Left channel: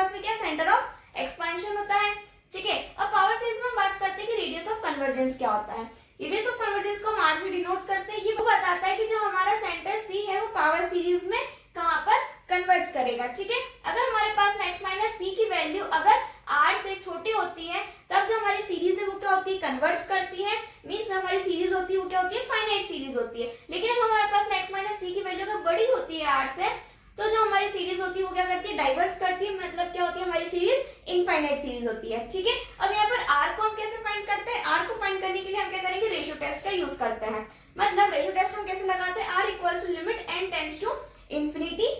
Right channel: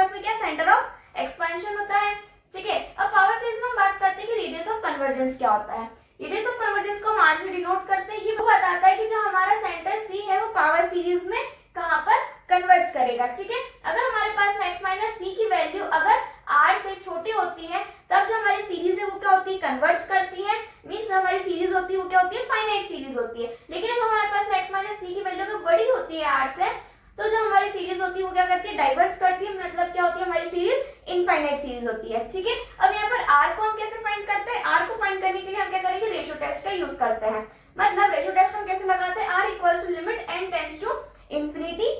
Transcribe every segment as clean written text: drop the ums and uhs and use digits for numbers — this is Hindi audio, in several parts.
पास में क्या सेंटर ऑफ एक्सपेंशन होता है। ठीक है, अब पावर सीरीज में हम बात करते हैं कि रेडियस ऑफ कन्वर्जेंस क्या होता है। रेडियस ऑफ कन्वर्जेंस को हम आर से डिनोट करते हैं। ये वो बताता है कि जो हमारा सेंटर सी है वो पावर सीरीज में कहाँ पर कन्वर्ज करेगा। ठीक है, अगर हमारे पास में x माइनस सी की वैल्यू अगर r से छोटी होती है तब जो हमारी सीरीज है वो क्या होती है, कन्वर्ज करती है। मींस हमारी सीरीज होती है वो क्या होती है, फाइनाइट सीरीज होती है। लेकिन अगर हमारे पास में x माइनस सी की वैल्यू अगर बड़ी होती है r से तो जो हमारी सीरीज होती है वो क्या करती है, डाइवर्स करती है। मतलब क्या होती है, हमारी सीरीज इनफाइनाइट सीरीज होती है। ठीक है, अब यहाँ पर r को हम कैसे फाइंड करते हैं, r को फाइंड करने के लिए हम क्या करेंगे, रेशियो टेस्ट का यूज करते हैं। मतलब रेशियो टेस्ट हम कैसे लगाते हैं, r equals to limit n tends to infinity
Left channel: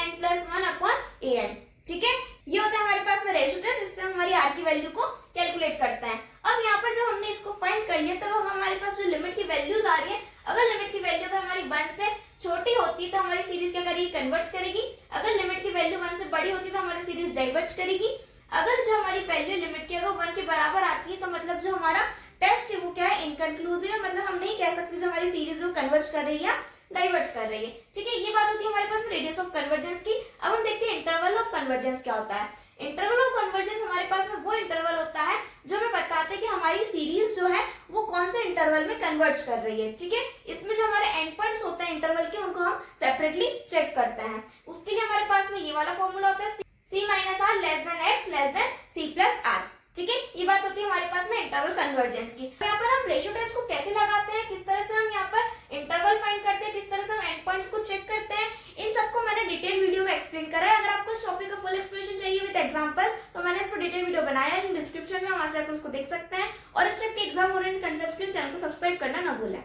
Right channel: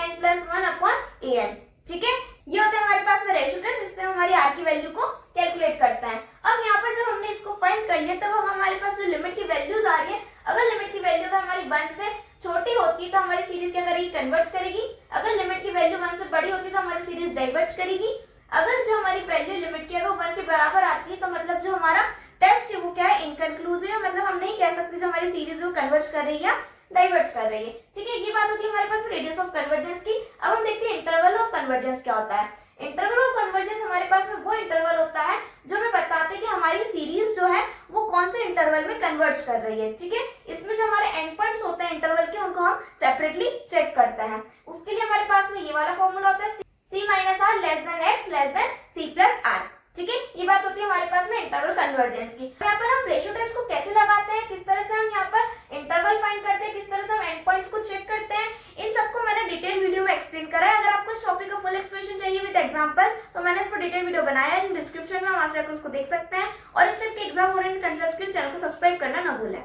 an plus 1 upon an। ठीक है, ये होता है हमारे पास में रेशियो टेस्ट, जिससे हमारी r की वैल्यू को कैलकुलेट करता है। अब यहाँ पर जब हमने इसको फाइंड कर लिया तब हमारे पास जो लिमिट की वैल्यूज आ रही है, अगर लिमिट की वैल्यू अगर हमारी 1 से छोटी होती है तो हमारी सीरीज क्या करेगी, कन्वर्ज करेगी। अगर लिमिट की वैल्यू 1 से बड़ी होती है तो हमारी सीरीज डाइवर्ज करेगी। अगर जो हमारी वैल्यू लिमिट की अगर 1 के बराबर आती है तो मतलब जो हमारा टेस्ट है वो क्या है, इनकंक्लूसिव है। मतलब हम नहीं कह सकते जो हमारी सीरीज वो कन्वर्ज कर रही है या डाइवर्ज कर रही है। ठीक है, ये बात होती है हमारे पास रेडियस ऑफ कन्वर्जेंस की। अब हम देखते हैं इंटरवल ऑफ कन्वर्जेंस क्या होता है। इंटरवल ऑफ कन्वर्जेंस हमारे पास में वो इंटरवल होता है जो हमें बताता है कि हमारी सीरीज जो है वो कौन से इंटरवल में कन्वर्ज कर रही है। ठीक है, इसमें जो हमारे एंड पॉइंट्स होते हैं इंटरवल के उनको हम सेपरेटली चेक करते हैं। उसके लिए हमारे पास में ये वाला फॉर्मूला होता है c minus r less than x less than c plus r. ठीक है, ये बात होती है हमारे पास में इंटरवल कन्वर्जेंस की। यहाँ पर हम रेशियो टेस्ट को कैसे लगाते हैं, किस तरह से हम यहाँ पर इंटरवल फाइंड करते हैं, किस तरह से हम एंड पॉइंट्स को चेक करते हैं, इन सबको मैंने डिटेल वीडियो में एक्सप्लेन करा है। अगर आपको इस टॉपिक का फुल एक्सप्लेनेशन चाहिए विद एग्जांपल्स तो मैंने इस पर डिटेल वीडियो बनाया है, डिस्क्रिप्शन में वहां से आप उसको देख सकते हैं। और इस टाइप के एग्जाम ओरिएंटेड कंसेप्ट के लिए चैनल को सब्सक्राइब करना ना भूलें।